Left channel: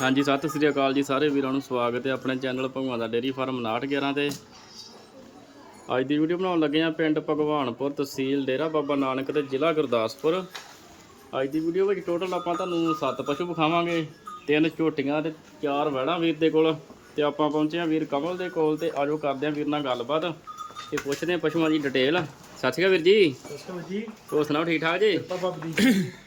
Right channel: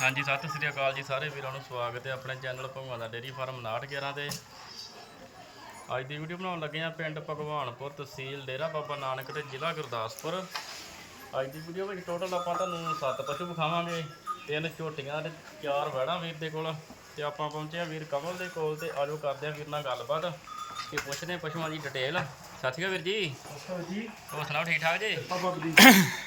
ਹਾਂਜੀ, ਸਤਿ ਸ੍ਰੀ ਅਕਾਲ ਜੀ ਸਾਰੇ ਵੀਰਾਂ ਨੂੰ ਸਵਾਗਤ ਹੈ ਆਪਣੇ ਚੈਨਲ ਭਗਵਾਨ ਦਾ ਡੇਰੀ ਫਾਰਮ 911 ਤੇ। ਅੱਜ ਦੀ ਵੀਡੀਓ ਬਣਾਉਣ ਲੱਗੇ ਆ ਪਿੰਡ ਭਗਵਾਨਪੁਰ ਤਹਿਸੀਲ ਡੇਰਾ ਬਾਬਾ ਨਾਨਕ ਤੇ ਜ਼ਿਲ੍ਹਾ ਗੁਰਦਾਸਪੁਰ। ਅੱਜ ਦੀ ਵੀਡੀਓ ਵਿੱਚ ਟੋਟਲ ਆਪਾਂ ਤੁਹਾਨੂੰ ਸੱਤ ਪਸ਼ੂ ਵਿਖਾਵਾਂਗੇ, ਤਿੰਨ ਝੋਟੀਆਂ ਤੇ ਚਾਰ ਵਹਿੜਾਂ ਵੀਰ ਦੇ ਕੋਲ। ਤੇ ਆਪਾਂ ਪਹੁੰਚੇ ਆ ਵੀਰ ਕਮਲ ਦੇ ਕੋਲ ਤੇ ਆਜੋ ਕਰਦੇ ਆ ਵੀਰ ਨਾਲ ਗੱਲਬਾਤ। ਤੇ ਪੁੱਛਦੇ ਆ ਪਸ਼ੂਆਂ ਦੀ ਡਿਟੇਲ ਸਤਿ ਸ਼੍ਰੀ ਅਕਾਲ ਵੀਰ ਜੀ। ਸਸਤਾ ਜੀ। ਹੋਰ ਸੁਣਾਓ ਠੀਕ ਠਾਕ ਜੀ?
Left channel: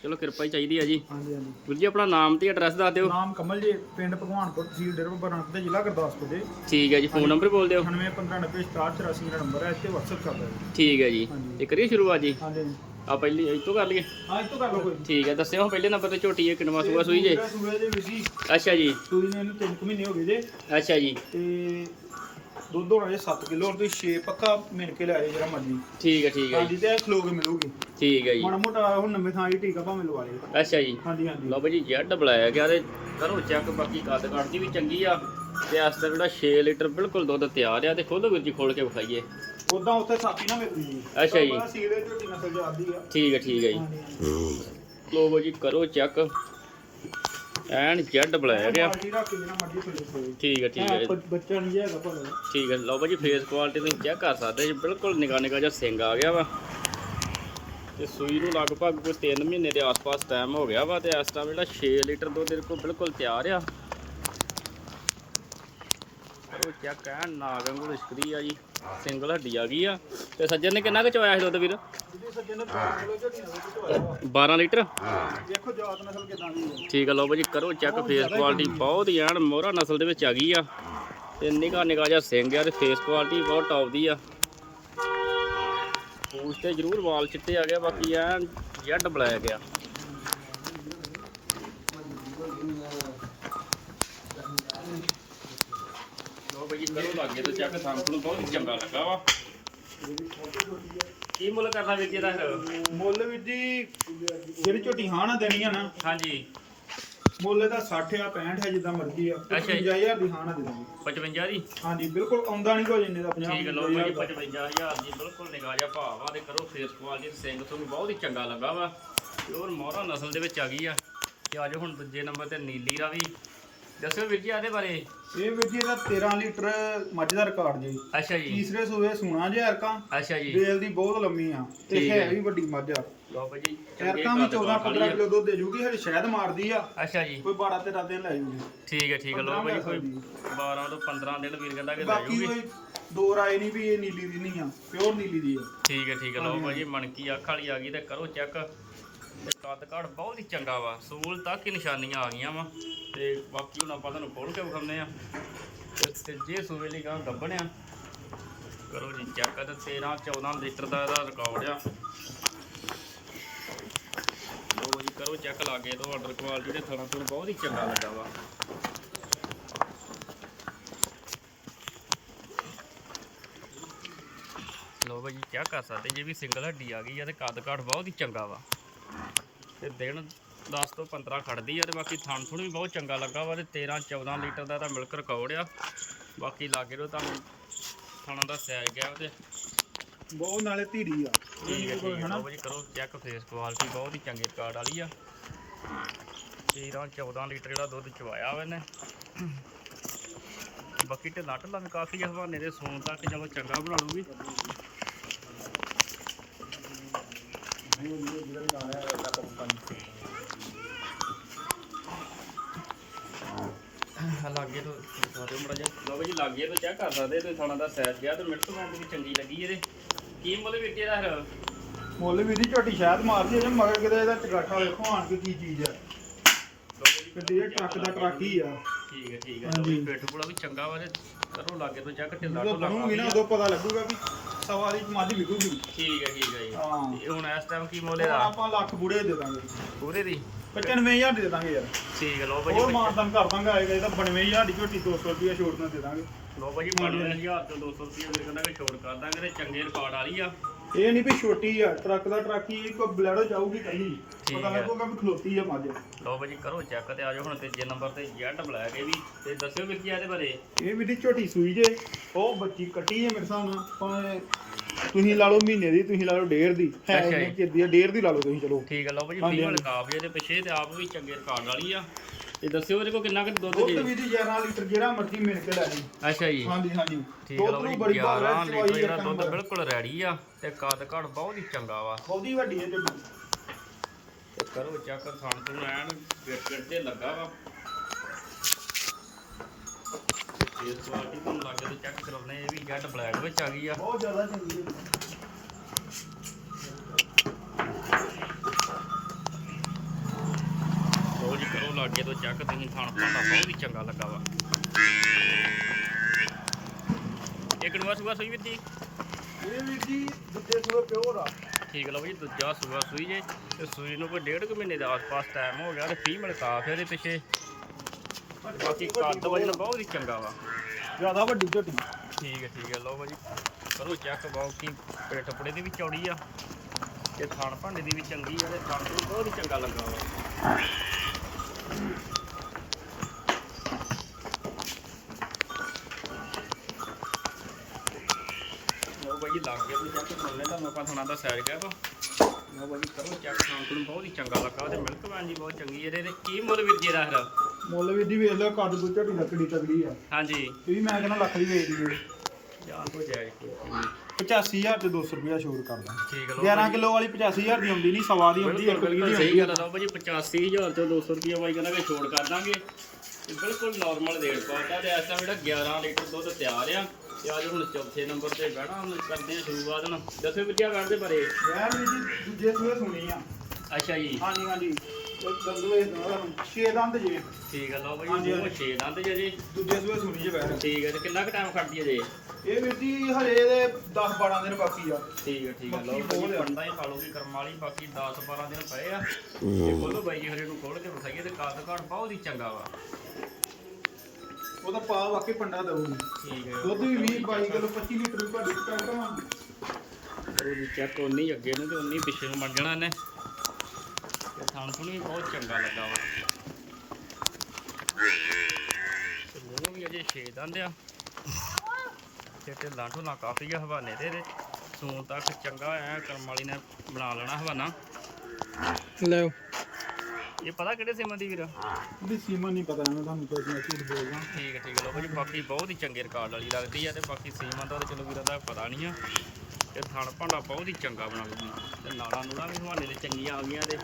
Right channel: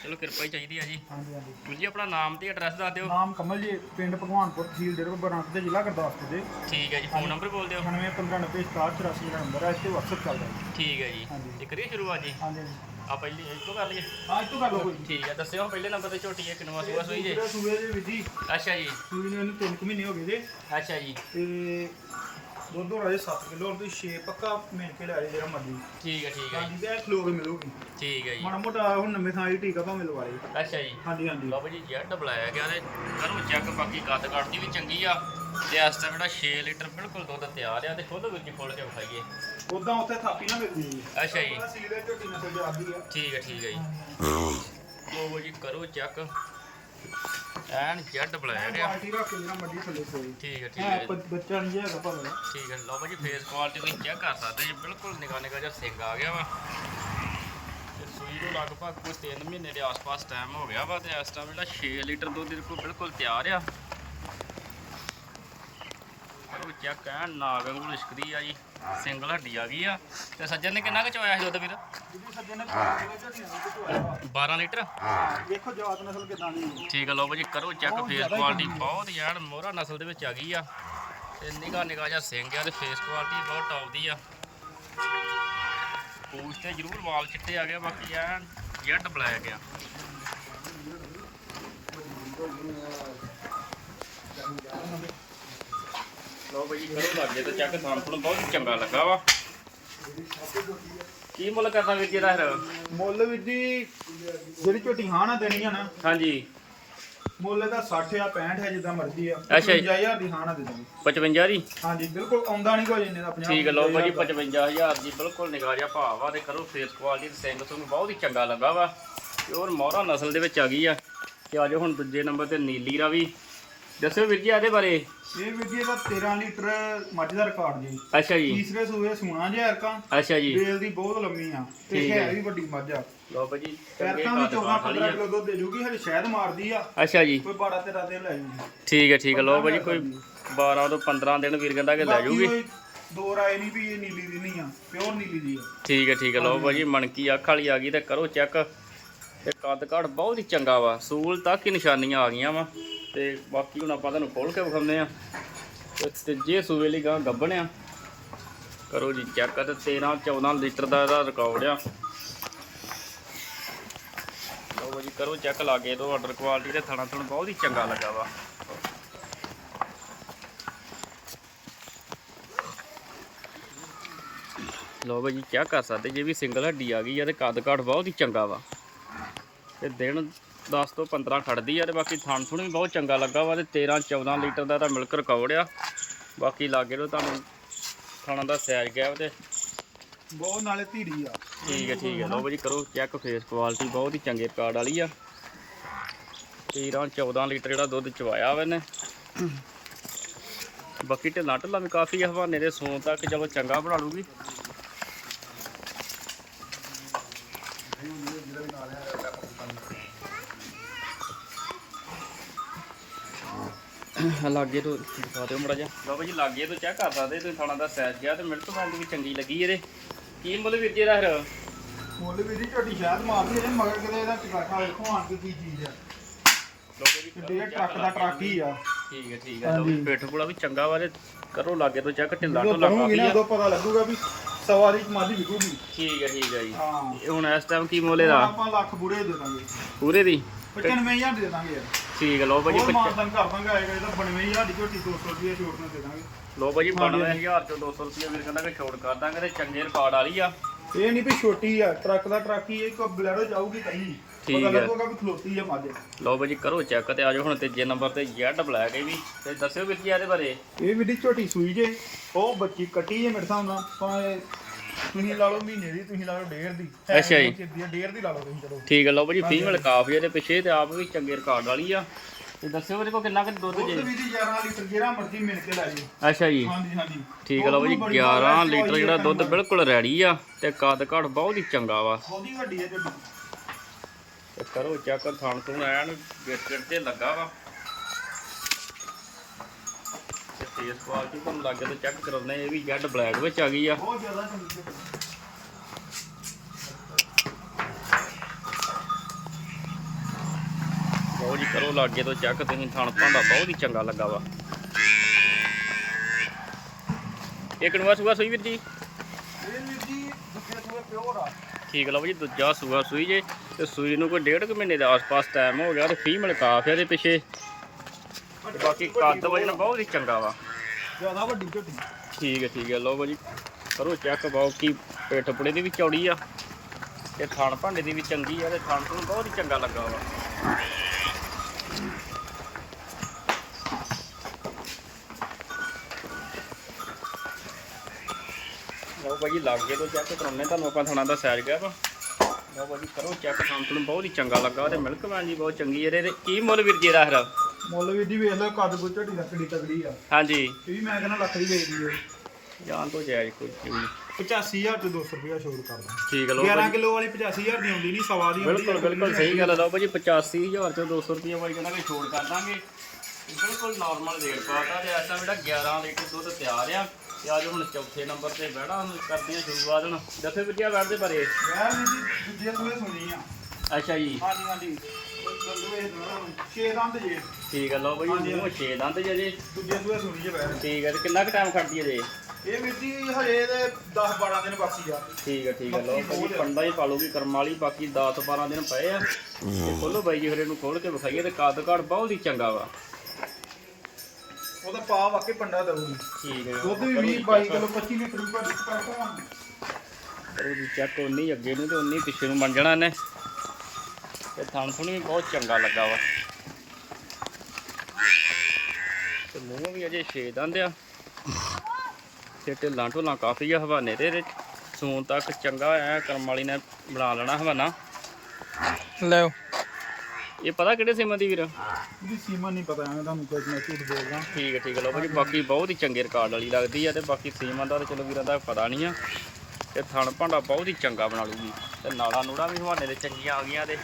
ਚਲੋ ਕਿਰਪਾ ਹੀ ਚਾਹੀਦੀ ਆ ਜੀ। ਹਾਂਜੀ ਹਾਂਜੀ। ਵੀਰ ਜੀ ਆਪਣਾ ਨਾਮ ਤੇ ਐਡਰੈਸ ਦੱਸ ਦਿਓ। ਨਾਮ ਕਮਲ ਜੀ ਪਿੰਡ ਭਗਵਾਨਪੁਰ ਤਹਿਸੀਲ ਡੇਰਾ ਬਰਨਾਲਾ ਦੇ ਜ਼ਿਲ੍ਹਾ ਗੁਰਦਾਸਪੁਰ ਦੇ। ਠੀਕ ਹੈ ਜੀ ਫੋਨ ਨੰਬਰ ਬੋਲ ਦਿਓ। 98159064 ਜਿਹੜਾ ਨੰਬਰ ਹੈ ਇੱਥੇ WhatsApp ਚੱਲਦਾ ਹੈ ਠੀਕ ਹੈ ਜੀ। ਇਹ ਕਰੀਏ ਸ਼ੁਰੂਆਤ ਜੀ? ਹਾਂਜੀ ਆ ਪਹਿਲੀ ਇਹ ਤੋਂ ਕਰ ਲਈਏ। ਅੱਜ ਤੋਂ ਕਰ ਲਓ ਕੋਈ। ਠੀਕ ਹੈ ਦੱਸਿਓ ਪਹਿਲੇ ਨੰਬਰ ਤੇ ਝੋਟੀ ਹੈ ਕਿੰਨਵਾ ਸੂਆ ਸੂਈ ਜੇ। ਵਿੱਚ ਹੀ ਅੱਛਾ ਜੀ। ਸੂਈ ਨੂੰ ਇਹਨੂੰ ਤਿੰਨ ਕੁ ਮਹੀਨੇ ਹੋ ਗਏ ਜੇ। ਅੱਛਾ ਜੀ। ਤੇ ਦੁੱਧ ਹੋਣਾ ਜੇ 7 ਕਿਲੋ ਤੁਸੀਂ 6 ਪੱਕਾ ਮਿਲ ਕੇ ਲੈ ਜਿਹੜਾ ਮਰਜ਼ੀ। ਠੀਕ ਹੈ ਠੀਕ ਹੈ ਹਾਂਜੀ ਤੇ ਖਲੋ ਕੇ ਮਿਲੂਗੀ। ਠੀਕ ਹੈ ਜੀ। ਮਾੜਾ ਮੋਟਾ ਹੁਣ ਨਵੇਂ ਥਾਂ ਦੀ ਟੀਕਾ ਭਾਵੇਂ ਲਵਾ ਲੇ ਅੱਛਾ ਜੀ। ਹਾਂਜੀ ਹਾਂਜੀ। ਲਓ ਭਾਜੀ ਜੈਡ ਬੁਲਾਇਆ ਗਿਆ ਤੇ ਕਰੋ ਚੈੱਕ ਬਾਕੀ ਕੱਦ ਕੱਟ ਦੀ ਵੀ ਚੰਗੀ ਆ। ਤੇ ਇਸ ਟਾਈਮ ਜਿਹੜਾ 6 ਲੀਟਰ ਬਿਲਕੁਲ ਦੁੱਧ ਤਿਆਰ ਆ ਤੇ ਖੋਲੋ ਵੀਰ ਜੀ ਖੋਲ ਕੇ ਵਿਖਾਈਏ। ਉਦਾਂ ਉੱਥੇ ਥਾਪੀ ਨਾ ਮਿਲਦੀ ਅੱਛਾ ਜੀ। ਸੀਲੇ ਝੋਟੀ ਨਸਲ ਜਾਂਦੀ ਆ। ਠੀਕ ਹੈ ਠੀਕ ਹੈ ਜੀ। ਲਓ ਭਾਜੀ ਕਰੋ ਚੈੱਕ ਐਨ ਜੈਡ ਬੁਲਾਇਆ ਗਿਆ। ਪਾਰਟੀ ਰੱਖ ਕੇ ਜਿਹੜਾ ਮਰਜ਼ੀ ਥੱਲੇ ਸੋਏ ਠੀਕ ਹੈ ਠੀਕ ਹੈ ਬੱਚਾ ਨਹੀਂ ਹੈਗਾ ਭਾਵੇਂ। ਠੀਕ ਹੈ ਲਓ ਭਾਜੀ ਫੇਸ ਕੁਆਲਿਟੀ ਤੁਸੀਂ ਚੈੱਕ ਕਰ ਸਕਦੇ ਜੀ। ਬਿਲਕੁਲ ਨਿਗਾ ਨਿਗਾ ਜਿਹਾ ਸਿੰਗ ਆ ਗਿਆ ਵਾ। ਤੇ ਸੂਈ ਨੂੰ ਲਗਭਗ ਕੋਈ 3 ਮਹੀਨੇ ਦੇ ਆਸ-ਪਾਸ ਟਾਈਮ ਹੋ ਗਿਆ ਵਾ ਤੇ ਇਸ ਟਾਈਮ ਜਿਹੜਾ 6 ਲੀਟਰ ਦੁੱਧ ਇਹਦੇ ਕੋਲ ਬਿਲਕੁਲ ਤਿਆਰ ਆ। ਉਹ ਚੈੱਕ ਆ ਨਾਗ ਵਾਂਗੂ ਲਿਸ਼ਕਦੀ ਆ ਜੀ ਸਿੰਗਲ ਹੱਡੀ ਆ ਗਈ ਆ। ਤੇ ਸੱਜਣ ਨੇ ਕਿੰਨਾ ਕੁ ਚੋਇਆ ਸੀ ਦੁੱਧ ਵੀਰ? ਜਿਹਦੇ ਸੱਜਣ ਨੇ ਪਾਰ ਕੋਲੇ ਝੋਟੀਆਂ ਦਾ ਕੁਝ ਹੋਇਆ ਵਾ 12 ਲੀਟਰ? ਦੇਖੋ ਜਾਤ ਨਸਲ ਕਿਦਾਂ ਦੀ ਹੈ। ਠੀਕ ਆ ਲਓ ਭਾਜੀ ਕਰੋ ਚੈੱਕ ਬਹੁਤ ਫੇਸ ਜ਼ਿਆਦਾ ਹੀ ਕੁਆਲਿਟੀ ਬਹੁਤ ਹੀ ਐਨ ਮੋਹਰਾ ਨਸਲ ਦੇ ਵਿੱਚ ਆ ਗਈ ਆ। ਤੇ ਨਿਗਾ ਨਿਗਾ ਜਿਹਾ ਸਿੰਗ ਆ ਤੇ ਫੇਸ ਕੁਆਲਿਟੀ ਬਹੁਤ ਟੌਪ ਦੀ ਆ। ਪੂਛ ਤੇ ਜ਼ਰੂਰ ਵਾਲ ਚਿੱਟੇ ਆ ਗਏ ਬਾਕੀ ਐਨ ਜੈਡ ਬਲੈਕ ਗਿਆ ਕਰੋ ਲੱਗੇ ਤੇ ਚੈੱਕ ਸਾਹਮਣੇ ਬਹੁਤ ਚੰਗਾ ਲੱਗਾ ਵਾ। ਕੀ ਮੁੱਲ ਕਰਨਾ ਵੀਰ ਜੀ ਇਹਦਾ ਫਿਰ? ਮੁੱਲ ਵੀ ਜੀ ਜਿਹੜੀ ਝੋਟੀ ਹਾਂ ਨਾ ਦੇਣੀ ਆ ਨਾ ਹਾਂਜੀ। ਮੁੱਲ ਇਹਦਾ 60 ਆ 65 ਹੈ ਜਿੱਦਾਂ ਮਰਜ਼ੀ ਆ। ਅੱਛਾ ਜੀ। 55000 ਦੀ ਹਾਂ ਨਾ ਦੇ ਦਾਂਗੇ। 55 ਦੀ ਹਾਂਜੀ ਬਿਲਕੁਲ ਆਉਂਦਾ ਨਹੀਂ ਕੋਈ ਇੰਨੇ ਦਾ 50 ਠੀਕ ਹੈ ਲਓ ਭਾਜੀ 55000 ਦੀ। ਬਿਲਕੁਲ ਨਿਗਾਹ ਜਿਹਾ ਭਾਵ ਆ ਤੇ ਕਰੋ ਫੇਸ ਕੁਆਲਿਟੀ ਸਿੰਘ ਤੁਹਾਨੂੰ ਬਹੁਤ ਹੀ ਚੰਗਾ ਲੱਗਾ ਵਾ। ਪਿਓਰ ਮੋਹਰਾ ਨਸਲ ਦੇ ਵਿੱਚ ਆ ਗਈ ਆ। ਤੇ ਆਜੋ ਹੁਣ ਦੂਜੇ ਨੰਬਰ ਤੇ ਨੀਲੀ ਰਾਵੀ। ਦੱਸਿਓ ਵੀਰ ਜੀ ਇਹਦੇ ਬਾਰੇ? ਇਹ ਵੀ ਜੀ ਦਾ 13 ਲੀਟਰ ਮੱਝ ਦਾ ਰਿਕਾਰਡ ਜੀ ਅੱਛਾ ਜੀ। ਤੀਸਰੇ ਸੂਏ ਸੂਣਾ ਜੇ ਹਰਕਾਂ ਅੱਛਾ ਜੀ। ਬੇਲ ਦੀ ਬਹੁਤ ਲੰਮੀ ਆ ਤੇ ਠੀਕ ਹੈ। ਹੈ ਵੀ ਵੱਡੀ ਮੱਝ ਆ। ਲਓ ਭਾਜੀ ਹਰਕਾਂ ਵੀ ਕੱਦ 14 ਕਾਠ ਵਾਲੀ 15 ਆ। ਕਿਲੋ ਦੁੱਧ ਦੇ ਜੂਗੀ ਹਰੇ ਸ਼ਹਿਦ ਮਾਰਦੀ ਆ। ਅੱਛਾ ਜੀ। ਕੋਈ 12 13 ਦਿਨ ਲੈ ਜੂਗੀ। ਠੀਕ ਹੈ ਠੀਕ ਹੈ। ਲਓ ਭਾਜੀ ਕੋਈ ਪੰਦਰਾਂ 12 ਤੋਂ 15 ਦਿਨ ਵੀਰ ਕਹਿੰਦਾ ਕਿ ਲੈ ਬਾਕੀ ਜੂਗੀ। ਕੋਈ ਦੋ ਰਾਏ ਨਹੀਂ ਵੀ ਇਹ ਨੀਲੀ ਦੀ ਨਹੀਂ ਆ ਪਿਓਰ ਨੀਲੀ ਦੀ ਆ। ਠੀਕ ਹੈ ਠੀਕ ਹੈ। ਲਓ ਭਾਜੀ ਮਣਕੀ ਅੱਖ ਵਾਲੀ ਆ ਗਈ ਤੇ ਕਰੋ ਚੈੱਕ। ਇਹ ਕੱਦ ਕਾਠ ਬਹੁਤ ਹੀ ਚੰਗਾ ਵਾ। ਸੂਲ ਤੱਕ ਹੀ ਨਿਸ਼ਾਨੀਆਂ ਆ ਗਈਆਂ ਵਾ। ਤੇ ਬਾਕੀ ਹੁਣ ਆਪਾਂ ਤੁਹਾਨੂੰ ਖੋਲ ਕੇ ਵਿਖਾਉਂਦੇ ਆ ਤੇ ਤੀਜੇ ਸੂਏ ਲਈ ਗਾਂ ਗੱਬਣ ਆ। ਕਰੋ ਜੀ ਚੈੱਕ ਤੇ 13 14 ਲੀਟਰ ਦਾ ਇਹਦਾ ਰਿਕਾਰਡ ਆ। ਲੋ ਜੀ, ਕਰੋ ਚੈੱਕ ਲਾਗੇ ਤੋਂ ਆਰਡਰ ਕੁਆਲਿਟੀ ਦਾ ਥਣਾ ਥਣ ਬਹੁਤ ਹੀ ਚੰਗਾ ਲੱਗਾ ਵਾ। ਲੋ ਭਾਈ ਚੈੱਕ ਕਰ ਸਕਦੇ? ਜੇ ਵੀ ਸਿੰਗਲ ਹੱਡੀ ਆ ਗਈ ਆ ਤੇ ਕੱਦ ਕਾਠ ਬਹੁਤ ਹੀ ਚੰਗਾ ਵਾ। ਤੇ ਦਿਨ 10 ਤੋਂ 15 ਖੜਦੀ ਆ ਤੇ ਬਾਕੀ ਥਣ ਥੁਣ ਵੀ ਬਹੁਤ ਚੰਗਾ ਲੱਗਾ ਵਾ ਤੇ 13 14 ਲੀਟਰ ਦਾ ਤਾਂ ਮਿਲਕ ਰਿਕਾਰਡ ਆ। ਬਾਕੀ ਲਾਗੇ ਤੋਂ ਤੁਹਾਨੂੰ ਥਾਣਾ ਦਾ ਸਾਈਜ਼ ਗਿਆ ਤੇ ਬਹੁਤ ਨਾਲੇ ਧੀਰੀ ਆ। ਠੀਕ ਹੈ ਠੀਕ ਹੈ ਲੋ ਭਾਜੀ ਕਰੋ ਚੈੱਕ ਫੇਸ ਕੁਆਲਿਟੀ ਬਹੁਤ ਹੀ ਚੰਗੇ ਕਾਰਡ ਵਾਲੀ ਆ। 13 14 ਲੀਟਰ ਜਿਹੜਾ ਦੁੱਧ ਚਵਾਇਆ ਵਾ ਇਹਨੇ। ਬਾਕੀ ਢਿੱਲਾ ਢਿੱਲਾ ਵੀ ਕਾਫੀ ਆ ਹਵਾਨੇ ਦੇ ਸੌਣ ਤੱਕ ਜਦੋਂ ਚੰਗਾ ਬਣਾ ਲੂਗੀ ਲਾਗੇ ਤੋਂ ਦਿਖਾ ਦਿਓ ਮੜਾ ਜਾ ਲਓ ਭਾਜੀ ਲਾਗੇ ਤੋਂ ਚੈੱਕ ਕਰ ਸਕਦੇ ਤੇ ਖਾਣਾ ਦਾ ਸਾਈਜ਼ ਗਿਆ ਤੇ ਮਿੰਟ ਤੋਂ ਵੀ ਚੰਗੀ ਲੱਗੀ ਇਹਦੇ। ਕੀ ਮੁੱਲ ਵੀਰ ਜੀ ਇਹਦਾ ਫਿਰ? ਮੁੱਲ ਵੀ ਦੀ ਝੋਟੀ ਸ਼ਹਿਦ ਮਾਰਦੀ ਹੈ ਮਗਰ ਕਿਤੇ ਇਹਦਾ ਟਗਾਠਾ ਵੇਖੋ ਆਣ ਕੇ ਕੀ ਚੀਜ਼ ਆ। ਕਿੱਡੀ ਇਹ ਟਰੱਕ ਦਾ ਟਰੱਕ ਹੀ ਆ। ਠੀਕ ਹੈ ਠੀਕ ਹੈ। ਲਓ ਪੇਟ ਪੂੜਾ ਵੀ ਚੰਗਾ ਵਾ ਤੇ ਕਰੋ ਲਾਗੇ ਤੋਂ ਚੈੱਕ ਢਿੱਲਾ ਜਦੋਂ ਕਾਫੀ ਨਾ ਆ। ਉਦੋਂ ਪਤਾ ਲੱਗੂਗਾ ਵੀ ਸਵਾਰੀ ਚ ਮੱਝ ਵਿਕੂਗੀ। ਠੀਕ ਹੈ ਠੀਕ ਹੈ ਜੀ। ਹਾਂ। ਇਹ ਹੁਣ ਇਸ ਟਾਈਮ ਕੀ ਮੁੱਲ ਇਹਦਾ? ਆਪਾਂ ਲੱਖ ਬੁੜੇ ਦੇ ਦਾਂਗੇ। ਪੂਰੇ ਦੀ? 95000 ਦੇ ਦਾਂਗੇ ਯਾਰ। ਠੀਕ ਹੈ ਲਓ ਹੋਰ ਭਾਜੀ ਮਾਨਤਨ ਕਰ ਦਾਂਗੇ ਆਏਗਾ ਇਹਦਾ 92000 ਦੀ ਝੋਟੀ 200 ਰੁਪਏ ਛੋੜ ਨੂੰ ਦੇ ਦਾਂਗੇ। ਲਓ ਭਾਜੀ ਹਾਂਜੀ। 92000 ਤੋਂ 200 ਰੁਪਏ ਮੇਰੇ ਕਹਿੰਦਾ ਕਿ ਛੋੜ ਕਰ ਦਾਂਗੇ ਤੇ ਚੰਗੇ ਰਿਕਾਰਡ ਵਾਲੀ ਆ। ਇਹ ਨਹੀਂ ਵੀ ਛੋਟੀ ਆ ਟਰੱਕ ਦਾ ਟਰੱਕ ਹੀ ਇੱਕ ਬਲੈਰੋ ਜਾਊਗੀ ਕਹੀਂ ਠੀਕ ਪਤਾ ਹੈ। ਲੱਗੂਗਾ ਵੀ ਖਲੋਤੀ ਆ ਮੱਝ। ਲਓ ਭਾਜੀ ਕਰੋ ਚੈੱਕ ਤੇ ਆਜੋ ਹੁਣ ਤੀਜੇ ਨੰਬਰ ਤੇ ਜੈਟ ਬਲੈਕ ਹੈ ਵੀ। ਤੇ ਦੱਸਿਓ ਵੀਰ ਜੀ ਇਹਦੇ ਬਾਰੇ। ਇਹ ਵੀ ਦੀ ਝੋਟੀ ਸੂਈ ਜੇ ਉਹ ਬੱਚੀ ਕੱਟੀ ਹੈ ਮੇਰੇ ਹਿਸਾਬ ਨਾਲ ਭਾਵੇਂ ਤੁਸੀਂ ਲਾ ਲਓ ਮਹੀਨੇ ਦੀ ਤੁਸੀਂ ਲਾ ਲਓ ਡੇਢ ਦੀ। ਹੈ ਅੱਛਾ ਜੀ। ਚਿਰ ਦੀ ਡੇਢ ਦੀ ਲਾ ਲਓ ਤੁਸੀਂ ਚਲੋ। ਠੀਕ ਹੈ ਲਓ ਭਾਜੀ ਫੀਮੇਲ ਕਾਫੀ ਇਹਦੇ ਪਿੱਛੇ ਤੇ ਆਪ ਵੀ ਚੰਗੇ ਰਿਕਾਰਡ ਵਾਲੀ ਆ। ਤੇ ਦੱਸਿਓ ਇਹਦੇ ਕੋਲ ਕਿੰਨਾ ਕੁ ਦੁੱਧ ਦੁੱਧ ਜੇ? ਵੀ ਦੀ 11 ਲੀਟਰ ਜਿਹੜਾ ਮਰਜ਼ੀ ਮਿਣ ਕੇ ਲੈ ਜੀ। ਅੱਛਾ ਜੀ। ਹਾਂਜੀ ਹਾਂਜੀ ਠੀਕ ਹੈ ਲਓ ਦੁੱਧ ਜੀ ਨੂੰ ਬੜੀ 11 ਬਾਤ ਹੈ, ਲੀਟਰ ਜਿਹੜਾ ਦੁੱਧ। ਬਿਲਕੁਲ ਰੈਡੀ ਆ ਤੇ ਕੱਦ ਘੜ ਬਹੁਤ ਹੀ ਚੰਗਾ ਵਾ। ਬਹੁਤੀ ਵੱਡੀ ਹੈ ਤੇ ਕਰੋ ਚੈੱਕ ਥਾਣ ਤੋਂ ਐਨ ਬਿਸਕਟ ਤੇ ਲੱਗਾ ਵਾ। ਫੇਸ ਕੁਆਲਿਟੀ ਲੱਗੇ ਤੇ ਚੈੱਕ ਕਰਾਉਂਦੇ ਇਹ ਵੀ ਜੈਡ ਬਲੈਕ ਵਿੱਚ ਆ ਗਈ ਆ। ਬਹੁਤ ਜ਼ਿਆਦਾ ਚੰਗੀ ਝੋਟੀ ਲਓ ਜੀ ਕਰੋ ਲਾਗੇ ਤੋਂ ਚੈੱਕ ਤੁਸੀਂ ਥਣ ਭਾਂਡਾ ਬਹੁਤ ਹੀ ਚੰਗਾ ਲੱਗਾ ਵਾ। ਇੱਕ ਨੂੰ ਸੂਆ ਸੂਈ ਵੀਰ ਜੀ? ਇਹ ਵੀ ਜੀ ਦੁੱਤੇ ਸੂਏ ਪਿਓਰ ਆ। ਠੀਕ ਲਓ ਜੀ ਦੂਜਾ ਸੂਆ ਸੂਈ ਜੇ ਤੇ ਸੂਈ ਨੂੰ ਕੋਈ ਡੇਢ ਕੁ ਮਹੀਨੇ ਦੇ ਆਸ-ਪਾਸ ਟਾਈਮ ਹੋ ਗਿਆ ਤੇ ਫੀਮੇਲ ਕਾਫ ਇਹਦੇ ਪਿੱਛੇ। ਬਾਕੀ ਕੱਦ ਵਜਨ ਬਹੁਤ ਹੀ ਚੰਗਾ ਵਾ। ਜ਼ਿਆਦਾ ਵੱਡੀ ਝੋਟੀ। ਠੀਕ ਹੈ ਠੀਕ ਹੈ। ਲਓ ਜੀ, ਕਰੋ ਚੈੱਕ ਬਾਓ ਕੀ ਪਿੱਠ ਪੁੜੇ ਦੀ ਵੀ ਚੌੜੀ ਆ ਤੇ ਖਾਣ ਭਾਂਡੇ ਦੀ ਵੀ ਚੰਗੀ ਆ ਤੇ ਖਾਣ ਨੂੰ ਬਹੁਤ ਹੀ ਚੰਗਾ ਲੱਗਾ ਵਾ। ਲਓ ਬਾਈ ਲਾਗੇ ਤੋਂ ਚੈੱਕ ਕਰਾਉਣੇ ਤੁਹਾਨੂੰ ਆਪਾਂ ਥਣਾ ਦਾ ਸੈਰ ਗਿਆ ਵਾ। ਲਓ ਬਾਈ ਕਰੋ ਚੈੱਕ ਖਾਣ ਨੂੰ ਬਹੁਤ ਹੀ ਚੰਗਾ ਲੱਗਾ ਤੇ ਮਿਲਕ ਵੈਨ ਜੀ ਬਹੁਤ ਚੰਗੀ ਇਹਦੇ ਤੇ ਕੀ ਮੁੱਲ ਵੀਰ ਜੀ ਦਾ ਫਿਰ ਮੁੱਲ ਵੀ ਦੀ ਵੇਖ ਲਓ ਕੱਦ ਬੁੱਝ ਝੋਟੀ ਲੱਕੜੀ ਤਗੜੀ ਆ। ਹਾਂਜੀ। ਵੀ ਮੈਂ ਕਹਿੰਦਾ ਲੱਖ ਦੀ ਵੇਚ ਜਾਨ ਤੋਂ ਜਾਇਜ਼ ਕੋਈ ਨਹੀਂ। 85000 ਤੇ 200 ਰੁਪਇਆ ਛੋੜ ਕਰਦਾ। ਠੀਕ ਹੈ ਲਓ 11 ਕਿਲੋ ਵਾਲੀ 85000 ਦੀ ਆਉਂਦੀ ਨਹੀਂ ਸਵਾ ਦੀ ਆਉਂਦੀ ਬਿਲਕੁਲ ਬਿਲਕੁਲ ਸਹੀ ਗੱਲ ਆ ਲਓ ਭਾਜੀ 85000 ਤੋਂ 200 ਰੁਪਏ ਬਾਈ ਕਹਿੰਦਾ ਕਿ ਛੋੜ ਕਰ ਦਾਂਗੇ। ਤੇ ਬਿਲਕੁਲ ਨਾਰਮਲ ਰੇਟ ਪਾਤਾ ਤੇ ਐਸਾ ਜਿਹੜਾ 11 ਲੀਟਰ ਦੁੱਧ ਤਿਆਰ ਆ। ਤੇ ਅੱਜ ਹੁਣ ਚੌਥੇ ਨੰਬਰ ਤੇ ਬਹਿਣਾ ਹੁਣ ਕਰਦੇ ਆ ਸ਼ੁਰੂਆਤ ਹੁਣ। ਦੱਸੋ ਵਿਦਿਆ ਬੈਠ ਦੇ ਬਾਰੇ ਯਾਰ ਜੀ ਦੂਜੇ ਸੂਏ ਸੁਣੀ ਆ। ਅੱਛਾ ਜੀ। ਹਾਂਜੀ ਹਾਂਜੀ। ਉਹ ਦੰਦੂ ਇਹ ਛੇ ਦੰਦ ਜੇ ਠੀਕ ਹੈ ਲਓ ਭਾਈ ਹਾਂਜੀ। ਉਹ 6 ਦੰਦ ਜੇ ਜੀ। ਦੂਜੇ ਸੂਏ ਸੁਣੀ ਜੇ ਬੈਰ ਠੀਕ ਹੈ ਤੇ ਕਿੰਨਾ ਕੁ ਟਾਈਮ ਖੜਦੀ ਹੈ ਜੀ? ਇਹ ਵੀਰ ਜੀ ਹਜੇ ਦੇ 10 12 ਦਿਨ ਬਾਕੀ ਆ। ਠੀਕ ਹੈ ਠੀਕ ਹੈ ਲਓ ਬਾਕੀ ਭਾਜੀ ਖੋਲ ਆ। ਪੰਡਾ ਹੀ ਪਾਲੂਗੀ ਕਰਮ ਵਾਲੀ ਬਾਕੀ 10 12 ਦਿਨ ਪਏ ਆ। ਤੇ ਖੋਲੋ ਬਾਈ ਜੀ ਫਿਰ ਇਹਨੂੰ ਖੋਲ ਕੇ ਵਿਖਾਈਏ ਤੇ ਕੱਦ ਘੜ ਬਹੁਤ ਹੀ ਚੰਗਾ ਵਾ। ਉਹਦਾ ਪਾ ਵਾਕੇ ਪੰਡਾ ਦਊਗੀ ਠੀਕ ਹੈ ਦੁੱਧ ਵੀ 20 22 ਕਿਲੋ 25 ਲੀਟਰ ਵੀ ਭਾਜੀ ਪੈਕ ਕਰਾਂਗੇ। ਉਹ ਵੀ ਚੈੱਕ ਉਨੀ ਅੱਗੇ ਨੂੰ ਤੇ ਉਨੀ ਪਿੱਛੇ ਨੂੰ ਬਣ ਜਾਣਾ ਇਹਨੇ। ਤੇ ਥਣ ਥੁਣ ਵੀ ਬਹੁਤ ਚੰਗਾ ਲੱਗਾ ਵਾ। ਤੇ ਮੂੰਹ ਵੀ ਅਜੇ ਛੇ ਦੰਦ ਆ। ਤੇ ਢਿੱਲਾਂ ਢੋਲਾਂ ਕਾਫੀ ਆ ਹਵਾਨੇ ਤੇ ਇਹਦੇ ਸੂਨ ਤੱਕ ਚੰਗਾ ਐ ਕਰਮ ਵਾਲੀ ਨੇ ਬਣਾ ਲੈਣਾ ਹਵਾਨਾ। ਲੈ ਇਹ ਪਤਾ ਕਿਹੜੇ ਸਿਮ ਦੀ ਵੀਰ? ਵੀ ਸੀਮਾ ਨਹੀਂ ਪਤਾ ਐਵੇਂ ਤੁਹਾਨੂੰ ਕੁਝ ਮੈਂ ਝੂਠ ਬੋਲਦਾ। ਠੀਕ ਹੈ ਠੀਕ ਹੈ ਲੋ ਜੀ ਬਾਕੀ ਬਹੁਤ ਹੀ ਚੰਗੇ ਰਿਕਾਰਡ ਵਾਲੀ ਲੱਗਦੀ ਆ ਤੇ ਬਾਕੀ ਸੀਮਾਂ ਦਾ ਤਾਂ ਚਲੋ ਵੀਰਾਂ ਦਾ ਪਤਾ ਨਹੀਂ ਆ। ਤੇ ਥਣ ਭਾਂਡਾ ਬਹੁਤ ਹੀ ਚੰਗਾ ਬਣਾ ਲੂਗੀ ਤੇ ਨਾਲਾ ਨੂੜਾ ਵੀ ਹਵਾਨੇ ਦੇ ਚੰਗੀਆਂ ਆ ਗਈਆਂ ਤੇ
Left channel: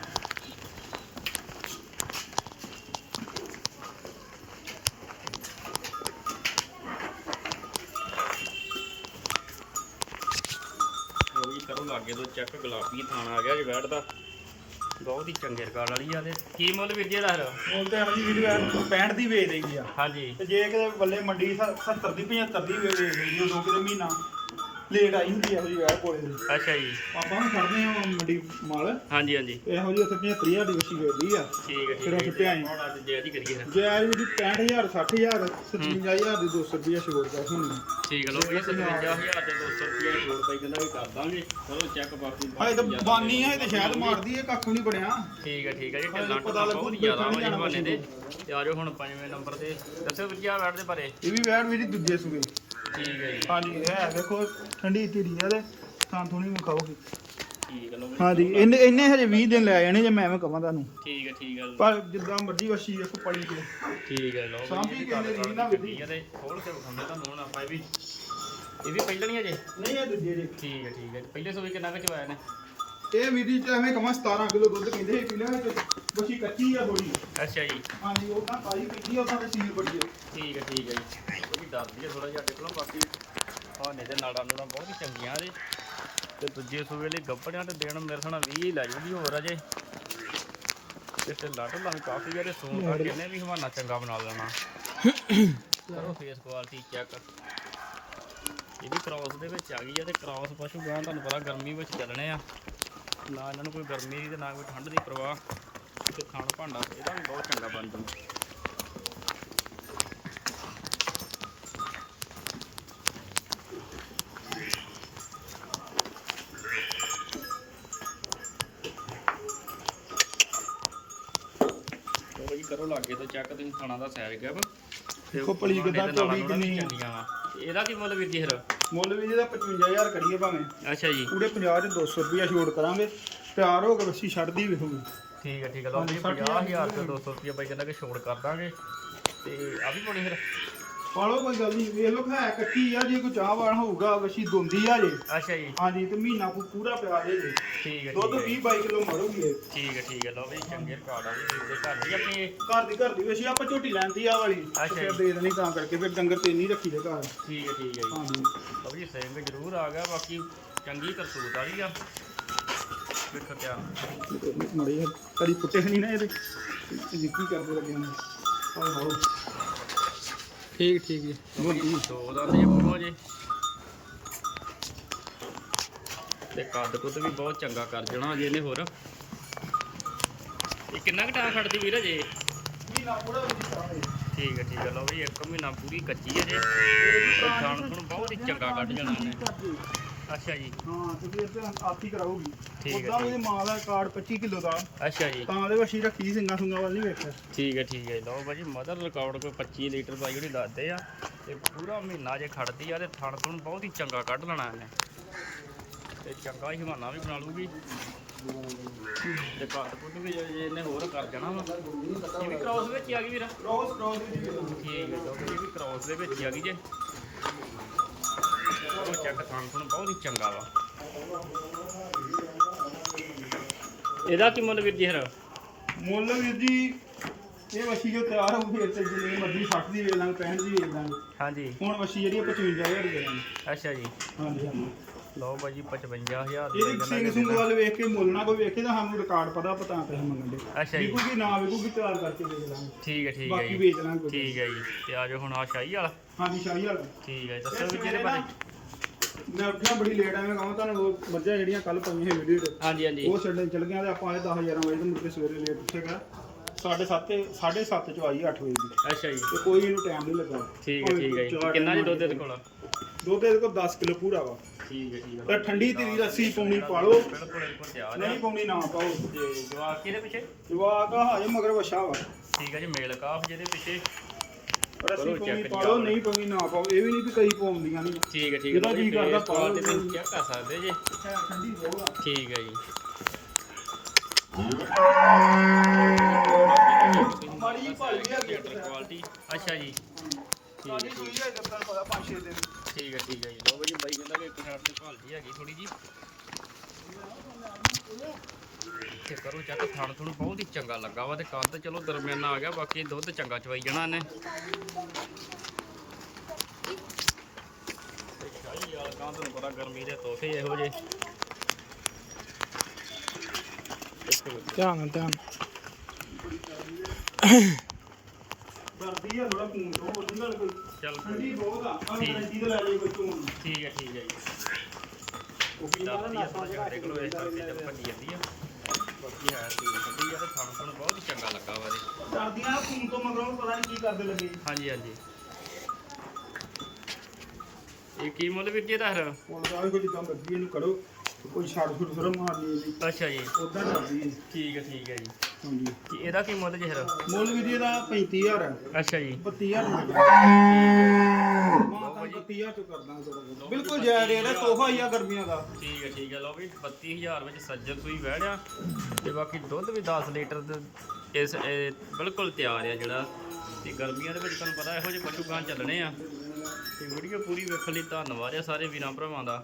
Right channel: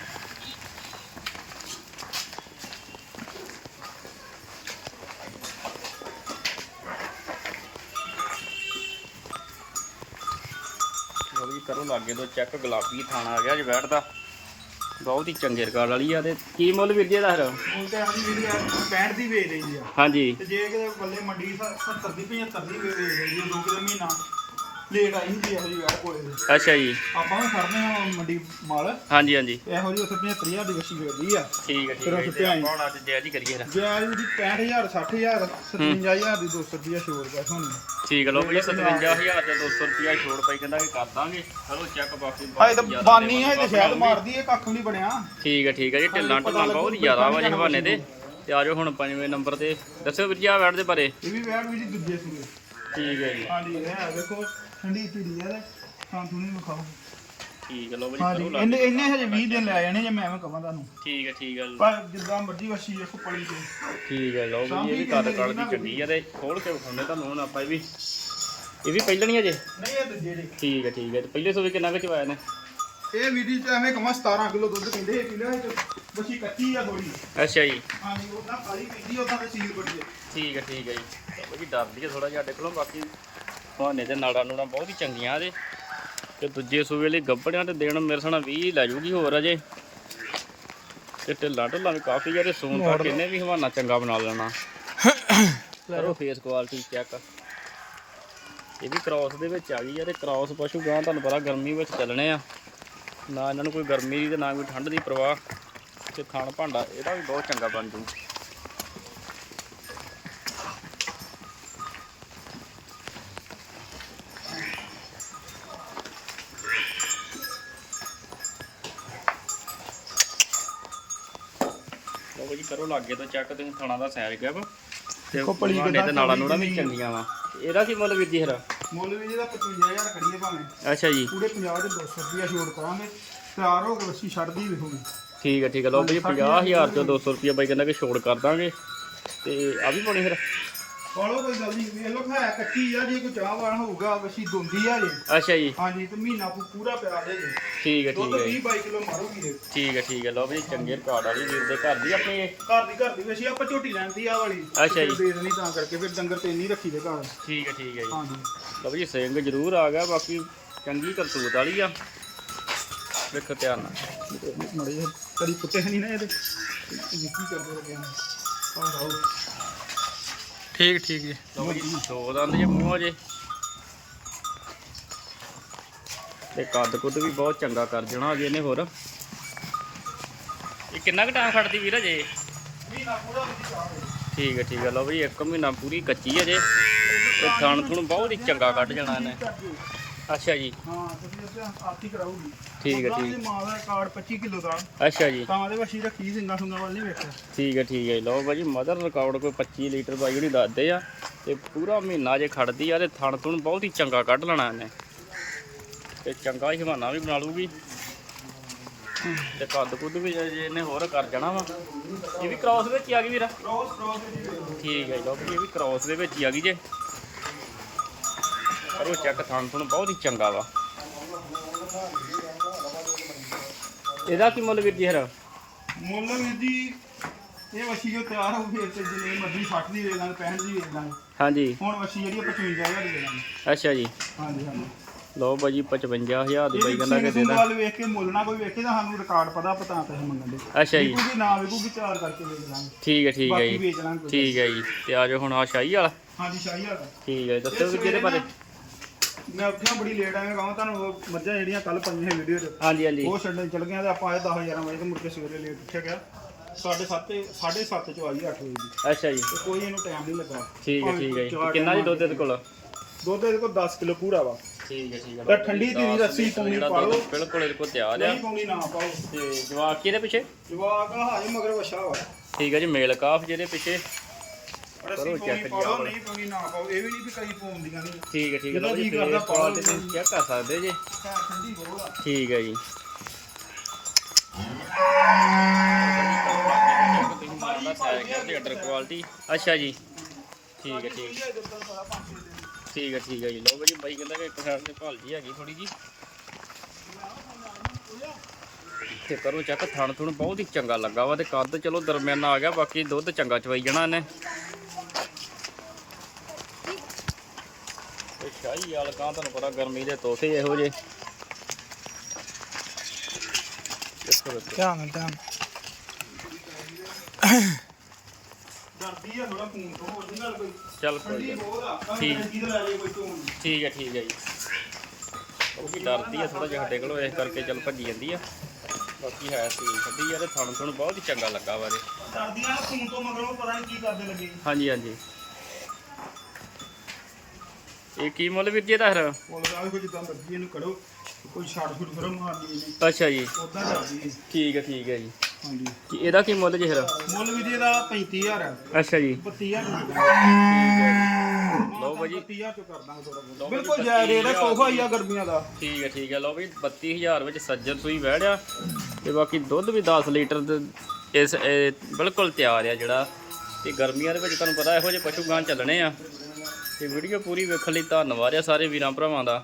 ਕਰੋ ਲਾਗੇ ਤੋਂ ਚੈੱਕ ਗੁਲਾਬੀ ਥਾਣਾ ਆ ਗਿਆ ਜੀ ਬੈਠਦਾ ਬਹੁਤ ਹੀ ਚੰਗੇ ਰਿਕਾਰਡ ਵਾਲੀ ਆ ਤੇ ਕੀ ਮੁੱਲ ਵੀਰ ਜੀ ਇਹਦਾ ਫਿਰ? ਬੋਲ ਤਾਂ ਅਸੀਂ ਵੀ ਯਾਰ 65 ਦੀ ਵੇਚ ਰਹੀ ਆ। ਹਾਂਜੀ। ਤੇ ਜੇ ਕਿਤੇ ਬੱਲੇ ਮੰਡੀ 70 ਦੀ 75 ਦੀ ਵੇਚ ਰਹੀ ਆ ਦੋ ਕਿਤੇ ਮਹੀਨਾ। ਲੇਟ ਆਈ ਹੁੰਦੀ ਇਹੋ ਜਿਹੀ ਯਾਰ ਕੋਲੇ। ਦੇ। ਅੱਛਾ ਜੀ। ਆਪਾਂ ਵੀ ਫੜਦੇ ਆ ਮੰਡੀ ਮਾਲ। ਹਾਂਜੀ ਹਾਂਜੀ। ਇਹੋ ਜਿਹੀ ਉੱਥੇ 75 ਦੀ ਵੱਛੀ ਵੇਚਦੀ ਆ। ਠੀਕ ਹੈ ਫਿਰ ਉਹ ਸੁੱਟਿਆ ਆਈ। ਹੁਣ ਅੱਜ ਜੈ ਜੀ ਕਰੀਏ ਜਾਇਜ਼ ਵੀ 65000 60000 57000 ਦੀ 200 ਰੁਪਇਆ ਛੋੜ ਪੈ ਹੁਣ ਠੀਕ ਲੋ ਵੀ 57000 ਤੇ 200 ਰੁਪਿਆ ਛੋੜ ਪਈ ਕਹਿੰਦਾ ਵੀ ਕਰ ਦਾਂਗੇ। ਚਲੋ ਚੈੱਕ ਬਾਕੀ ਹਾਏ ਤਾਂ ਬਾਨੀ ਹੈ ਤੇ ਸ਼ਾਇਦ ਮਾਰਦੀ ਹੈ ਕੱਖ ਨਹੀਂ ਬਣਿਆ। ਠੀਕ ਹੈ ਠੀਕ ਹੈ ਜੀ ਢਿੱਲਾਂ ਢੁੱਲਾਂ ਬਹੁਤ ਜ਼ਿਆਦਾ ਵਾ ਜੀ ਹਵਾਨੇ ਦੇ। ਤੇ ਆਜੋ ਹੁਣ ਪੰਜਵੇਂ ਨੰਬਰ ਤੇ। ਦੱਸੋ ਵੀਰ ਜੀ ਆ ਬੈਠ ਦੇ ਬਾਰੇ। ਇਹ ਵੀ ਵੈੜ ਵੀ ਜੀ ਦੂਜੇ ਸੂਏ। ਠੀਕ ਹੈ ਜੀ। ਹਾਂਜੀ ਹੈ ਦੇਖੋ ਠੰਡੀ ਢੀੜੀ ਆ ਤੇ ਤਾਂ ਤੁਣੀ ਨੂੰ ਖਾਓਗੇ। ਠੀਕ ਹਾਂਜੀ ਇਹਨੇ ਇਹਨੇ ਹਜੇ 20 ਦਿਨ ਲੈ ਜਾਣੇ ਜੇ ਮੈਂ ਐਵੇਂ ਕਹਾਂ ਤੁਹਾਨੂੰ। ਠੀਕ ਹੈ ਠੀਕ ਹੈ ਪਰ ਜਿੱਦਾਂ ਮਰਜ਼ੀ ਵੱਛੀ ਦੇਖੋ ਪਲੀ ਤੇ। ਠੀਕ ਹੈ ਲੋ ਵੀ ਸਾਂਭੀ ਇਹ ਕਹਿੰਦੇ ਕਰ ਜੀ ਨਾ ਕਰ ਗੱਡੀ ਆ ਤੇ ਖੋਲ ਕੇ ਵਿਖਾਉਂਦੇ ਤੁਹਾਨੂੰ ਹੁਣ ਆਪਾਂ ਇਹ ਵੀ ਇਹ ਵੀ ਪਹਿਲਣੀ ਜੇ? ਨਹੀਂ ਇਹ ਦੂਜੇ ਦੇ। ਠੀਕ ਹੈ ਠੀਕ ਹੈ ਤੇ ਪਹਿਲੇ ਸੋਵੇ ਕਿੰਨਾ ਕੁ ਚਵਾਇਆ ਨੇ ਇਹ ਵੀਡੀ ਚ ਐਵੇਂ ਕਮਾ 17 ਕਿਲੋ ਦੁੱਧ ਕਹਿੰਦੇ ਇਹ ਕੱਚੀ ਆ ਥੋੜੀ ਅੱਛਾ ਜੀ। ਹਾਂਜੀ ਉਹਦਾ ਪਾਈ ਪੀਂਦੀ ਉਹਦਾ ਤੇ ਸੀਲ ਬੜੀ ਹੈ ਠੀਕ ਹੈ ਠੀਕ ਹੈ ਜੀ। ਇਹ ਵੀ ਡਰਦੀ ਹੈ ਥੋੜਾ ਜਿਹਾ ਬਾਕੀ। ਨਾੜਾ ਨੂੜਾ ਬਹੁਤ ਹੀ ਚੰਗੀਆਂ ਇਹਦੇ ਤੇ ਦੂਜੇ ਸੂਵੇ ਲਈ ਗੱਬੜਿਆਂ ਤੇ ਦੇਣ ਮੇਰੇ ਸਾਨਾ 20 ਲੈ ਜੂਗੀ ਹੋਰ ਅਜੇ। ਤੇ ਢਿੱਲਾ ਢਿੱਲਾ ਵੀ ਕਾਫੀ ਜਿਹੜੇ ਸੂਨ ਤੱਕ ਇਹਨੇ ਵੀ ਹਵਾਨਾ ਚੰਗਾ ਬਣਾ ਲੈਣਾ। ਕਰੋ ਫੇਸ ਕੁਆਲਿਟੀ ਚੈੱਕ ਇਹ ਵੀ ਕ੍ਰਾਸ ਦੇ ਵਿੱਚ ਆ ਗਈ ਹੈ ਤੇ ਕ੍ਰਾਸ ਪਸ਼ੂ ਗਾਂ ਤੁਹਾਨੂੰ ਪਤਾ ਗਰਮੀ ਵਿੱਚ ਚੱਲਣੇ ਆ। ਨਾ ਇਹਨਾਂ ਨੂੰ ਕੋਈ ਗਰਮੀ ਦੀ ਤੇ ਨਾ ਕੋਈ ਠੰਡ ਦੀ ਪ੍ਰਵਾਹ। ਤੇ ਖਾਣ ਭਾਂਡਾ ਇਹਦਾ ਵੀ ਬਹੁਤ ਚੰਗਾ ਬਣ ਜੂ। ਕਰੋ ਲਾਗੇ ਤੋਂ ਚੈੱਕ ਤੇ ਖਾਣਾ ਦਾ ਸਾਈਜ਼ ਗਿਆ ਵਾ। ਦੇਖੋ ਪਲੀ ਕਿੱਦਾਂ ਨਾਲਾਂ ਨੂੜਾਂ ਵੀ। ਚੰਗੀਆਂ ਵਾ। ਇਹਦਾ ਕੀ ਮੁੱਲ ਵੀਰ ਜੀ ਹਰਾ ਮੁੱਲ ਵੀ ਜਿਹਦਾ 55000 ਕਰੀਏ ਭਾਵੇਂ। ਅੱਛਾ ਜੀ। ਪੂਰੇ 50 ਚ 200 ਰੁਪਇਆ ਛੋੜ ਕਰਾਂਗੇ। ਤਿਆਰ ਹੋ ਕੇ ਵੱਛੀ ਛੱਡਦੀ ਵੇਖੋਗੇ ਠੀਕ ਹੈ ਠੀਕ ਹੈ ਲਓ ਸੱਠ 50000 ਤੋਂ 200 ਰੁਪਏ ਬਾਈ ਕਹਿੰਦਾ ਕਿ ਛੋੜ ਕਰ ਦਾਂਗੇ। ਤੇ ਆ ਵੀ ਪਾਣੀ ਫਿਰ। ਪਾਲੋ ਕੋਈ ਗੱਲ ਨਹੀਂ ਵੇਖ ਲੋ ਹੈ ਕੱਟੀ ਆ ਜੇ ਕੋਈ ਚਾਹਵਾਨ ਹੋਊਗਾ ਵਸ਼ੀ ਦੁੰਦੀ ਆ ਜੇ। ਅੱਛਾ ਜੀ। ਹਾਂਜੀ ਤੇ ਮਹੀਨਾ ਪੂ- ਪੂਰਾ ਪਿਆ ਜੇ ਜੇ। ਠੀਕ ਹੈ ਦੁੱਧ ਠੀਕ ਹੈ 20 22 ਕਿਲੋ ਮਰੂਗੀ ਇਹ ਠੀਕ ਹੈ ਠੀਕ ਹੈ ਲਓ ਵੀ ਚੰਗੇ ਕਾਰਡ ਵਾਲੀ ਵੀਰ ਦੇ ਘਰ ਦੀ ਆਪਣੀ ਇਹ। ਘਰ ਦੀ ਘਰ ਦੀ ਵਸ਼ੀ ਆਪਾਂ ਝੋਟੀ ਲੈਂਦੀ ਆ ਵਾਲੀ। ਅੱਛਾ ਜੀ। ਦੇ ਦੇਣੀ ਤਾਂ ਕਰਕੇ ਫਿਰ ਡੰਗਰ ਤੇ ਨਹੀਂ ਰੱਖੀ ਦੇ ਘਰ। ਠੀਕ ਹੈ ਠੀਕ ਹੈ ਜੀ। ਹਾਂਜੀ। ਲਓ ਵੀ ਸਿੰਘ ਜ਼ਰੂਰ ਆ ਗਿਆ ਬਾਕੀ ਚੰਗੀ ਕਰਤੂਤ ਵਾਲੀ ਆ। ਵੇਖੋ ਧਿਆਨ ਨਾਲ। ਮੜੀ ਕਦੀ ਪੁੱਤੇ ਨਹੀਂ ਨਾ ਇਹਦੇ। ਇਹ ਕੀ ਕਰਦੇ ਲੱਗੇ ਨੇ? ਆਹ ਹਾਓ ਠੀਕ ਠੀਕ ਜੀ। ਦੋ ਦੰਦ ਜੇ ਮੂੰਹ ਜੇ ਤੇ ਕੱਦ ਕੁੱਦ ਵੀ ਬਹੁਤ ਚੰਗਾ ਕਰ ਦੇਣਾ ਅਜੇ ਇਹਨੇ ਹੋਰ। ਇਹ ਕਿੰਨਾ ਕੁ ਟਾਈਮ ਖੜਦੀ ਵੀਰ ਅਜੇ? ਠੀਕ ਹੈ ਠੀਕ ਹੈ। ਲਓ ਵੀ ਇੱਕ ਮਹੀਨਾ ਪੂਰੀ ਕੱਚੀ ਹੈ ਜੇ। ਤੇ ਥਣ ਥੁਣ ਬਹੁਤ ਹੀ ਚੰਗਾ ਕੱਢ ਜਾਣਾ ਇਹਨੇ। ਅੱਛਾ ਜੀ। ਹਾਂ ਤੁਸੀਂ ਉੱਤੇ ਆਰਤੀ ਕਰਾਉਗੀ। ਠੀਕ ਹੈ, ਉਹਦਾ। ਵੀ ਮਾਂ ਦਾ ਕਾਰਡ 25 ਕਿਲੋ ਦਾ। ਅੱਛਾ ਜੀ। ਤਾਂ ਦੇ ਵਸ਼ੀ ਰੱਖੀ ਸਿੰਘਾਂ ਸੁੰਗਾਂ ਵੱਲ ਨਹੀਂ ਵੇਖਿਆ। ਠੀਕ ਹੈ ਠੀਕ ਹੈ ਲਓ ਭਾਜੀ ਮਦਰ ਰਿਕਾਰਡ ਕੋਈ 25 ਲੀਟਰ ਦਾ ਜਿਹੜੀ ਦੱਸਦੇ ਆ ਤੇ ਪੂਰਾ ਮਹੀਨਾ ਜੇ ਖੜਦੀ ਆ ਤੇ ਥਣ ਥੁਣ ਬਹੁਤ ਹੀ ਚੰਗਾ ਕੱਢ ਲੈਣਾ ਇਹਨੇ। ਤੇ ਚੰਗਾ ਹੀ ਹਵਾਨਾ ਵੀ ਬਣਾ ਲੂਗੀ ਤੇ ਕੱਦ ਕੁੱਦ ਵੀ ਜੇ ਇਹਨੇ ਹੋਰ ਕਰ ਜਾਣਾ ਵਾ। ਇਹ ਵੀ ਕ੍ਰਾਸ ਵਿੱਚ ਹੀ ਆ ਗਈ ਵੀਰਾ। Cross cross. ਠੀਕ ਹੈ ਲਓ ਇਹ ਵੀ ਕ੍ਰਾਸ ਦੇ ਵਿੱਚ ਹੀ ਆ ਗਈ ਜੇ। ਉਹ ਚੈੱਕ ਥਣ ਥੁਣ ਬਹੁਤ ਹੀ ਚੰਗਾ ਵਾ। ਇਹਦਾ ਕੀ ਮੁੱਲ ਵੀਰ ਜੀ ਹਰ? ਮੁੱਲ ਵੀਰ ਜੀ ਇਹ ਵਸ਼ੀ ਜੋ ਤਿਆਰ ਹੋਊ ਫੇਰ ਤੇ ਜਿੰਨੇ ਮਰਜ਼ੀ 60 ਦੀ ਵੇਚ ਲਾਂਗੇ 65 ਦੀ ਵੇਚ ਲਾਂਗੇ। ਹਾਂਜੀ। ਹੁਣ ਵਸ਼ੀ ਜਿਹੜੀ ਆ 55000 ਦੀ ਲਾਂਗੇ ਅੱਛਾ ਜੀ। ਹਾਂਜੀ ਹਾਂਜੀ। ਲਓ ਭਾਜੀ 55000 ਦੀ ਬਾਈ ਇਹਦੀ ਕਹਿੰਦਾ ਸਿੰਘ ਕਿ ਸੁੰਗ ਦੇ। ਵੱਲ ਵੇਖ ਕੇ ਮੁੱਲ ਨਾ ਕੋਈ ਵੇਖੇ ਤਾਂ ਸਾਨੂੰ ਰਿਕਾਰਡ ਪਤਾ ਪਤਾ ਪੈਸੇ ਮੰਗਣ ਦੇ। ਅੱਛਾ ਜੀ। ਕੋਈ ਨਾ ਵੇਖੂਗੀ ਚਾਰ ਕਰਕੇ ਵੇਚ ਲਾਂਗੇ। ਠੀਕ ਹੈ ਠੀਕ ਹੈ ਬਾਕੀ ਜੀ। ਵੇਚ ਲਾਂਗੇ ਕੋਈ ਠੀਕ ਹੈ ਜੀ। ਤੇ ਆ ਜਾਓ ਹੁਣ ਆ ਸ਼ਾਹੀ ਵਾਲਾ। ਹਾਂਜੀ ਸ਼ਾਹੀ ਵਾਲਾ। ਠੀਕ ਹੈ ਦੱਸੋ ਇਹ ਵੀ ਕਿਹਦੇ ਬਾਰੇ? ਮੈਂ ਉੱਠਿਆ ਬੜੀ ਲੇਟ ਆਇਆ ਕਹਾਂ ਤੁਹਾਨੂੰ ਉਹ ਮੱਝਾਂ ਜਿਹੜੀਆਂ ਕੱਲ ਪਾਈਆਂ ਸੀ ਵੀਡੀਓ 'ਚ ਹਾਂਜੀ ਹਾਂਜੀ। ਉਹ ਛੱਡਣ ਚਲ ਗਿਆ ਤੇ ਆਪਾਂ ਆਏ 10 11 ਵਜੇ ਤੇ ਮੁੜ ਕੇ ਸਵੇਰੇ ਲੇਟ ਉੱਠਿਆ ਗਿਆ 7:30 7:30 ਚ ਆਈ 8 ਵਜੇ ਦੀ। ਅੱਛਾ ਜੀ। ਤੇ ਕੋਈ ਇਹਨੂੰ ਟਾਈਮ ਨਹੀਂ ਲੱਗਾ। ਠੀਕ ਹੈ ਠੀਕ ਹੈ ਕਿੰਨਾ ਜੀ ਦੁੱਧ ਇਹਦੇ ਕੋਲ? ਦੁੱਧ ਇਹਦੇ ਕੋਲ 10 ਕਿਲੋ ਪੂਰਾ ਵਾ। ਠੀਕ ਹੈ ਠੀਕ ਹੈ। ਤਾਂ ਠੰਡੀ ਧੀਰੀ ਰੱਸੀ ਪਾਉਣੀ ਪਾ ਲਓ। ਬਿਲਕੁਲ ਇਹਦੇ ਕੋਲ ਤਿਆਰ ਆ। ਨਹੀਂ ਪਾਉਣੀ ਨਾ ਪਾਓ। ਤੇ ਜਵਾਕ ਕਿਹਦੇ ਪਿੱਛੇ? ਜਵਾਕ ਹਾਜੇ ਮਗਰ ਵਛਾ ਵਾ। ਠੀਕ ਹੈ ਜੀ ਮੇਲ ਕਾਫ ਜਿਹਦੇ ਪਿੱਛੇ। ਰੱਸੀ ਪਾਉਣੀ ਪਾ ਲਓ ਨਹੀਂ ਪਾਉਣੀ ਨਾ ਪਾਓ। ਇਹ ਵੀ ਨਹੀਂ ਵੀ ਕਈ ਪਾਉਂਦੀਆਂ ਨਹੀਂ ਠੀਕ ਹੈ ਠੀਕ ਹੈ ਜਿਹਦਾ ਲਓ ਜੀ, ਕਰਦਾ ਪਾਓ। ਤੇ ਤੁਸੀਂ ਕਰ ਸਕਦੇ ਜੀ। ਠੰਡੀ ਬਹੁਤ ਆ। ਠੀਕ ਹੈ ਜੀ। ਮਾਰੀ ਭਾਈ ਲੀਟਰ ਕੁਆਲਿਟੀ ਅੱਛਾ ਜੀ। ਠੀਕ ਹੈ ਠੀਕ ਹੈ। ਠੀਕ ਹੈ ਠੀਕ ਹੈ ਜੀ। ਲਓ ਜੀ ਬਾਈ ਕਹਿੰਦਾ ਕਿ ਇੱਕ ਸਾਈਡ ਤੇ ਭਾਲਦੀ ਹੈਗੀ ਥੋੜੀ ਜੀ ਤੇ ਕਰੋ ਚੈੱਕ ਥਣ ਥੁਣ ਬਹੁਤ ਹੀ ਚੰਗਾ ਲੱਗਾ ਵਾ ਤੇ ਕੱਦ ਚਲੋ ਦਰਮਿਆਨਾ ਆ ਗਿਆ ਬਾਕੀ ਦੁੱਧ ਚੰਗਾ ਚਵਾਈ ਜਾਣਾ ਇਹਨੇ। ਤੇ ਸ਼ਾਹੀ ਵਾਲ ਕਾਂ ਤੁਹਾਨੂੰ ਪਤਾ ਗਰਮੀ ਦੇ ਤੋਹਫੇ ਇਹੋ ਜੇ ਦੇਖੋ ਦੇਖੋ। ਧਿਆਨ ਨਾਲ। ਧਿਆਨ ਡਰਦੀ ਆ ਥੋੜਾ ਖੂਨ ਤੋਂ ਹੋਰ ਨਹੀਂ ਗੱਲ ਕੋਈ ਚੱਲ ਠੰਡੀ ਕੋਈ ਬਹੁਤ ਆ ਪਰ ਠੀਕ। ਠੰਡੀ ਤੇ ਲੈ ਜਾਈ ਕੋਈ ਚੋਣ ਠੀਕ ਹੈ ਠੀਕ ਹੈ ਜੀ। ਉਹ ਵੀ ਡਰਦੀ ਆ ਥੋੜਾ ਜਿਹਾ ਸਾਡੇ ਕੋਲੋਂ ਇਸ ਕਰਕੇ ਚੱਲ ਭੱਜੀ ਜਾਂਦੀ ਆ। ਬਾਕੀ ਹੈ ਸੀ ਠੰਡੀ ਆ ਤੇ ਥਣ ਥਣ ਬਹੁਤ ਹੀ ਚੰਗਾ ਲੱਗਾ ਵਾ ਇਹਦੇ। ਡਰਦੀਆਂ ਨਾ ਖੂਨ ਤੋਂ ਮਗਰੋਂ ਪਤਾ ਨਹੀਂ ਕੀ ਕਰਦੇ ਲੱਗੇ। ਹਾਂਜੀ ਹਾਂਜੀ। ਇਹ ਕੀ ਮੁੱਲ ਵੀਰ ਜੀ ਇਹਦਾ ਫਿਰ? ਬੋਲ ਨਾਲ ਕੋਈ ਜਿੱਦਾਂ ਮਰਜ਼ੀ ਇਹਨੂੰ ਕਰੋ ਕੋਈ ਛੱਡ ਫੁੱਟ ਕਰੋ ਮਾਰਨੀ ਇਹਨੇ। ਅੱਛਾ ਜੀ। ਉਦਾਂ ਕਰਦੀ ਹੈ ਠੀਕ ਹੈ ਠੀਕ ਹੈ ਜੀ। ਹਾਂਜੀ। ਕੀ ਇਹਦਾ ਕੀ ਮੁੱਲ ਜੀ ਫਿਰ? ਮੁੱਲ ਵੀ ਜੀ ਇਹਦਾ 35000 ਹੈ ਅੱਛਾ ਜੀ। 32000 ਲਓ ਲਓ ਭਾਜੀ। ਭਾਜੀ 35000 ਚ ਕਰ ਦਾਂਗੇ ਥੋੜਾ ਲਓ ਬਿਲਕੁਲ ਭਾਜੀ, ਜਾਇਜ਼ ਰੇਟ ਹੈ 35000 ਸੋਫਾ ਹੀ ਆ ਗਰਮੀਆਂ ਦਾ। ਠੀਕ ਹੈ ਠੀਕ ਹੈ ਲਓ ਵੀ 32000 ਵਿੱਚ ਸੱਜਣ ਸੂਈ ਵਹਿੜਿਆ ਤੇ ਬਾਕੀ ਦੁੱਧ ਵੀ 10 ਲੀਟਰ ਦੇ ਇਸ ਇਹ ਬਿਲਕੁਲ ਤਿਆਰ ਆ ਜਿਹੜਾ। ਤੇ ਗਰਮੀਆਂ ਦੇ ਵਿੱਚ ਤੁਹਾਨੂੰ ਪਤਾ ਇਹੋ ਜਿਹੇ ਪਸ਼ੂ ਗਾਂ ਚੱਲਣੇ ਆ। ਤੇ ਵੀਡੀਓ ਪੂਰੀ ਵੇਖਣ ਲਈ ਧੰਨਵਾਦ ਆ ਸਾਰੇ ਵੀਰਾਂ ਭਰਾਵਾਂ ਦਾ।